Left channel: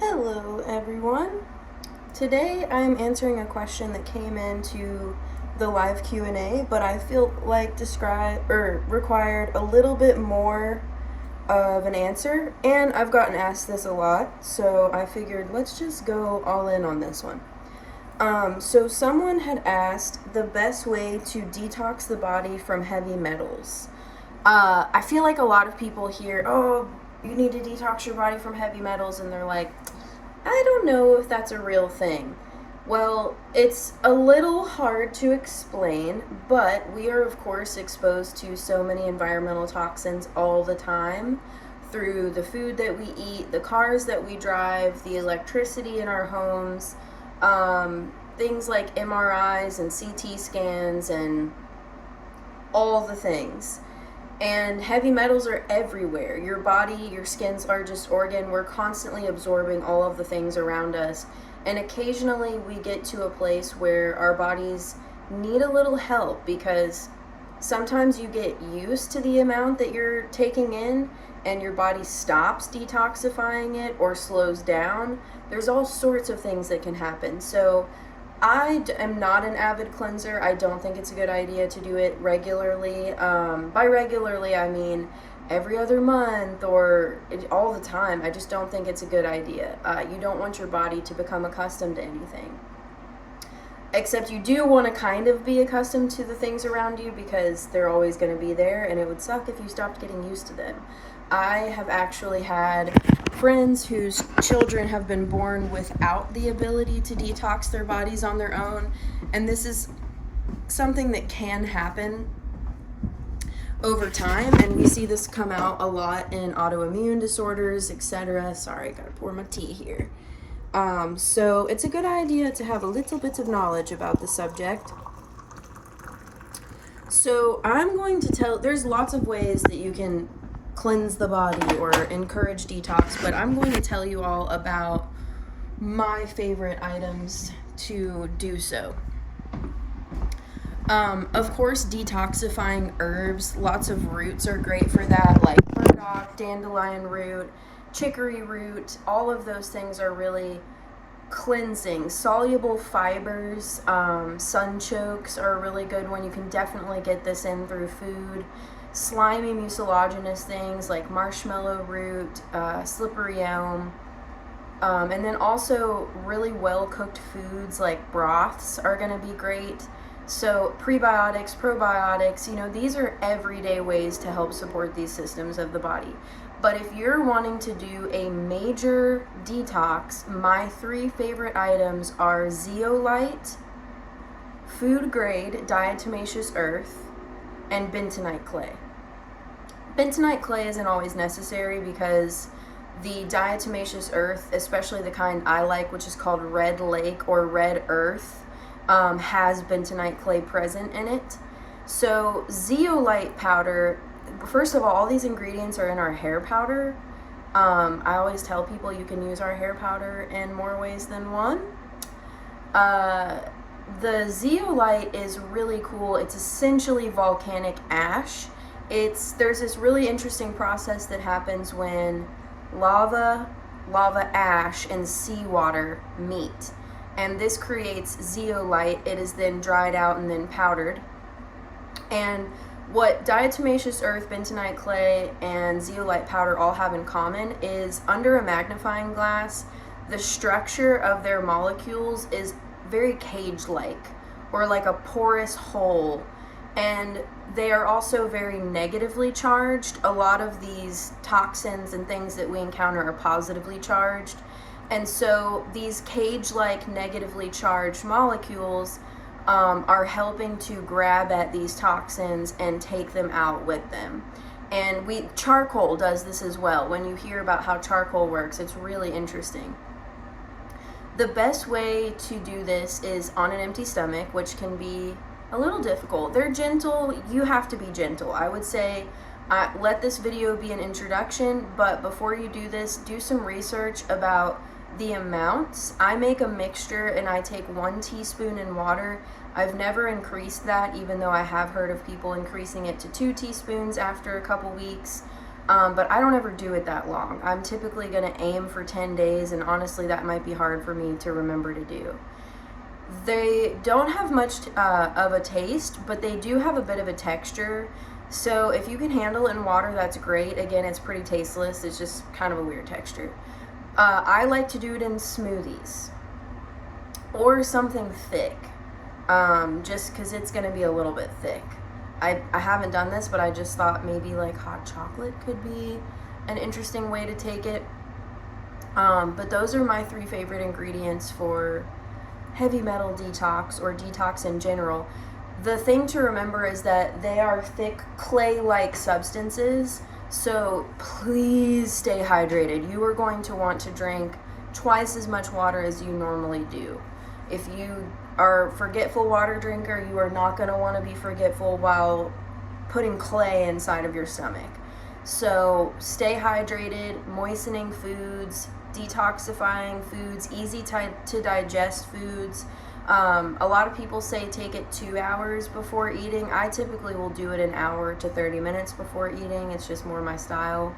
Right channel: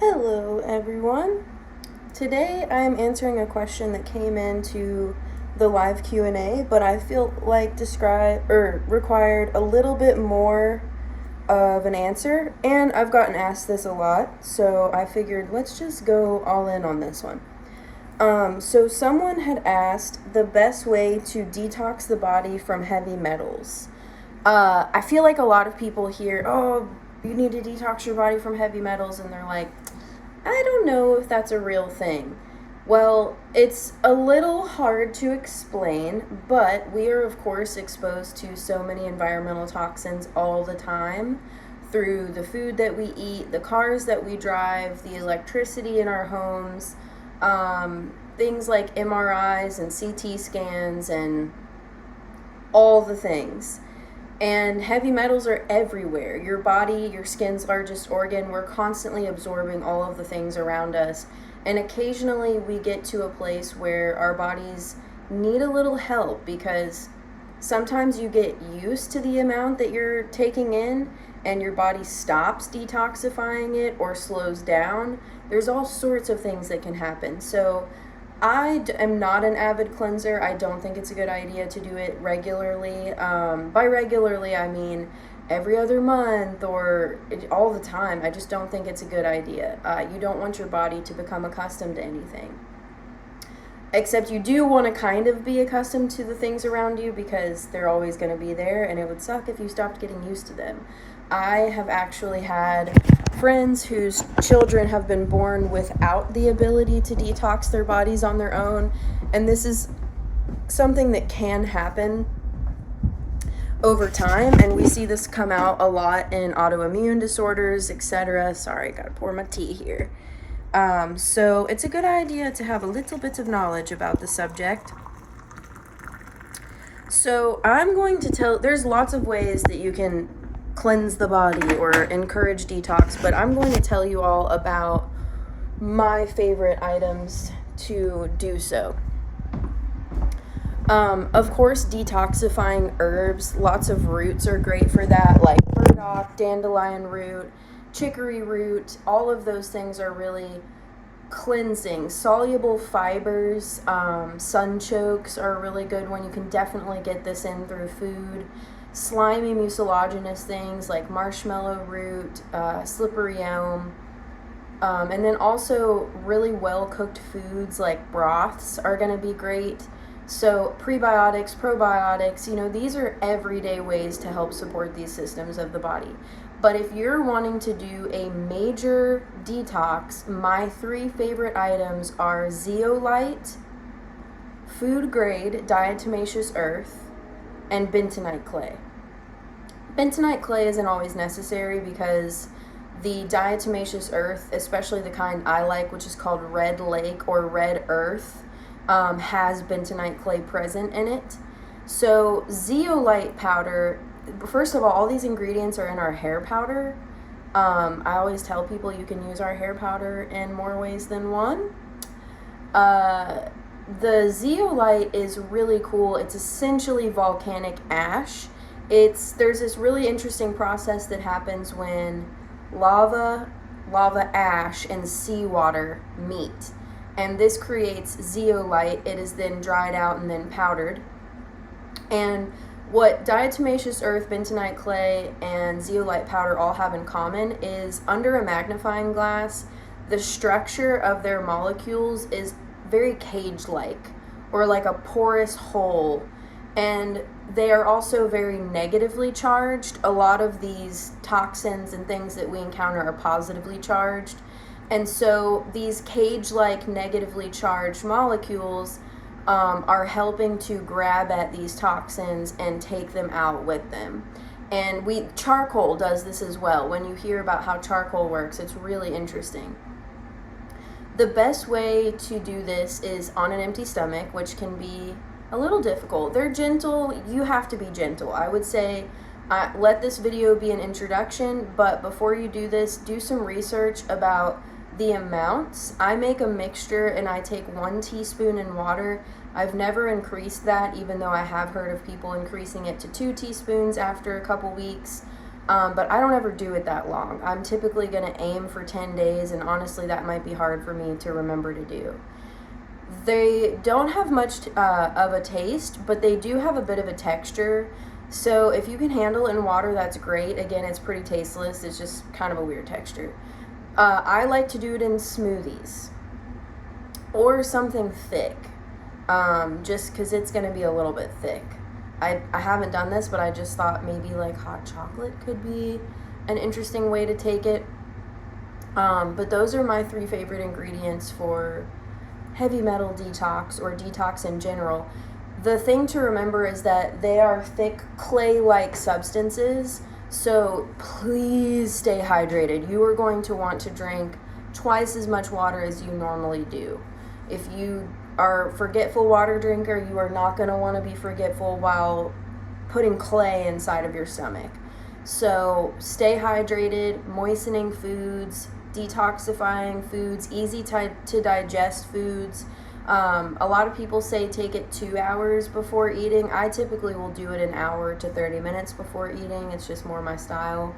Hello everyone. Today I am answering a question that came into the live Q&A, but I feel like required a little bit more of an answer, and I've gotten asked this a lot, so I figured let's just go all in on this one. So someone had asked the best way to detox the body from heavy metals. I feel like a lot of people hear, oh, you need to detox your body from heavy metals, and they're like, I don't know if that's a real thing. Well, it's a little hard to explain, but we are, of course, exposed to so many environmental toxins all the time through the food that we eat, the cars that we drive, the electricity in our homes, things like MRIs and CT scans, and all the things. And heavy metals are everywhere. Your body, your skin's largest organ, we're constantly absorbing all of the things around us. And occasionally we get to a place where our bodies need a little help because sometimes you get used to the amount that you're taking in and your body stops detoxifying it or slows down. There's all sorts of things that can happen. So I am not an avid cleanser. I don't think it's a good idea to do it regularly. By regularly, I mean every other month or all the time. I just don't think it's a good idea. You don't want your body to become accustomed to anything. Except you do want to kind of be accustomed to the things around you because they're always going to be there, and it would suck if you stopped getting used to them. I have actually had friends whose children have been born without the ability to detox their bodies on their own, and this is something that can happen over time, and we see this come out a lot in autoimmune disorders, etc. Sorry, gotta pour my tea here. So it's a good idea to have a little bit of knowledge about the subject. So I'm going to there's lots of ways that you can cleanse the body or encourage detox, but I'm going to tell you all about my favorite items to do so. Of course, detoxifying herbs, lots of roots are great for that, like burdock, dandelion root, chicory root. All of those things are really cleansing. Soluble fibers, sunchokes are a really good one. You can definitely get this in through food. Slimy mucilaginous things like marshmallow root, slippery elm, and then also really well cooked foods like broths are going to be great. So prebiotics, probiotics, these are everyday ways to help support these systems of the body. But if you're wanting to do a major detox, my 3 favorite items are zeolite, food grade diatomaceous earth, and bentonite clay. Bentonite clay isn't always necessary because the diatomaceous earth, especially the kind I like, which is called red lake or red earth, has bentonite clay present in it. So zeolite powder, first of all these ingredients are in our hair powder. I always tell people you can use our hair powder in more ways than one. The zeolite is really cool. It's essentially volcanic ash. There's this really interesting process that happens when lava ash, and seawater meet. And this creates zeolite. It is then dried out and then powdered. And what diatomaceous earth, bentonite clay, and zeolite powder all have in common is under a magnifying glass, the structure of their molecules is very cage-like, or like a porous hole. And they are also very negatively charged. A lot of these toxins and things that we encounter are positively charged. And so these cage-like negatively charged molecules are helping to grab at these toxins and take them out with them. And charcoal does this as well. When you hear about how charcoal works, it's really interesting. The best way to do this is on an empty stomach, which can be a little difficult. They're gentle. You have to be gentle. I would say let this video be an introduction, but before you do this, do some research about the amounts. I make a mixture and I take 1 teaspoon in water. I've never increased that, even though I have heard of people increasing it to 2 teaspoons after a couple weeks. But I don't ever do it that long. I'm typically going to aim for 10 days, and honestly, that might be hard for me to remember to do. They don't have much of a taste, but they do have a bit of a texture. So if you can handle it in water, that's great. Again, it's pretty tasteless. It's just kind of a weird texture. I like to do it in smoothies or something thick, just because it's going to be a little bit thick. I haven't done this, but I just thought maybe like hot chocolate could be an interesting way to take it. But those are my 3 favorite ingredients for heavy metal detox or detox in general. The thing to remember is that they are thick clay-like substances, so please stay hydrated. You are going to want to drink twice as much water as you normally do. If you are a forgetful water drinker, you are not going to want to be forgetful while putting clay inside of your stomach. So stay hydrated, moistening foods, detoxifying foods, easy to digest foods. A lot of people say take it 2 hours before eating. I typically will do it an hour to 30 minutes before eating. It's just more my style.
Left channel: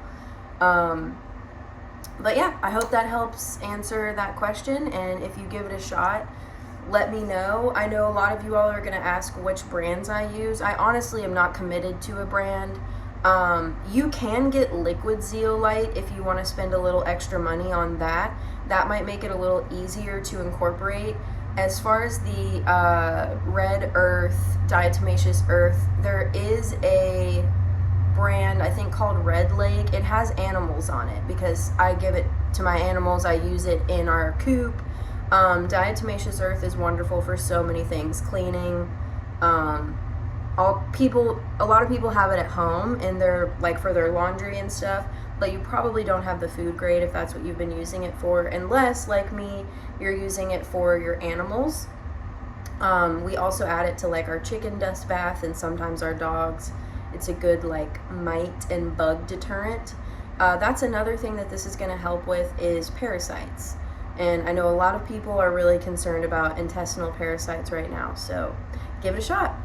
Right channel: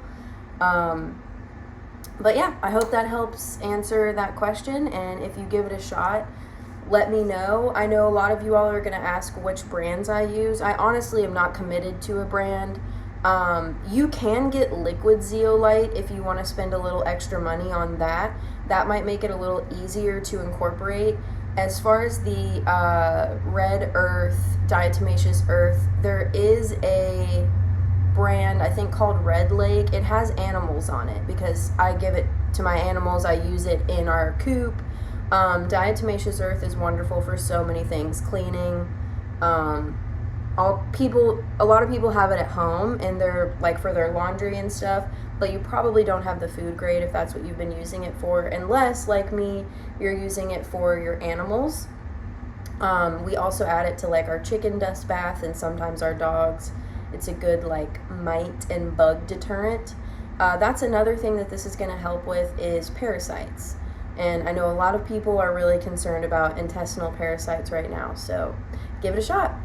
But yeah, I hope that helps answer that question. And if you give it a shot, let me know. I know a lot of you all are going to ask which brands I use. I honestly am not committed to a brand. You can get liquid zeolite if you want to spend a little extra money on that. That might make it a little easier to incorporate. As far as the Red Earth, Diatomaceous Earth, there is a brand I think called Red Lake. It has animals on it because I give it to my animals. I use it in our coop. Diatomaceous Earth is wonderful for so many things. Cleaning. A lot of people have it at home and they're like for their laundry and stuff, but you probably don't have the food grade if that's what you've been using it for, unless like me you're using it for your animals. We also add it to like our chicken dust bath and sometimes our dogs. It's a good like mite and bug deterrent. That's another thing that this is going to help with is parasites, and I know a lot of people are really concerned about intestinal parasites right now, so give it a shot.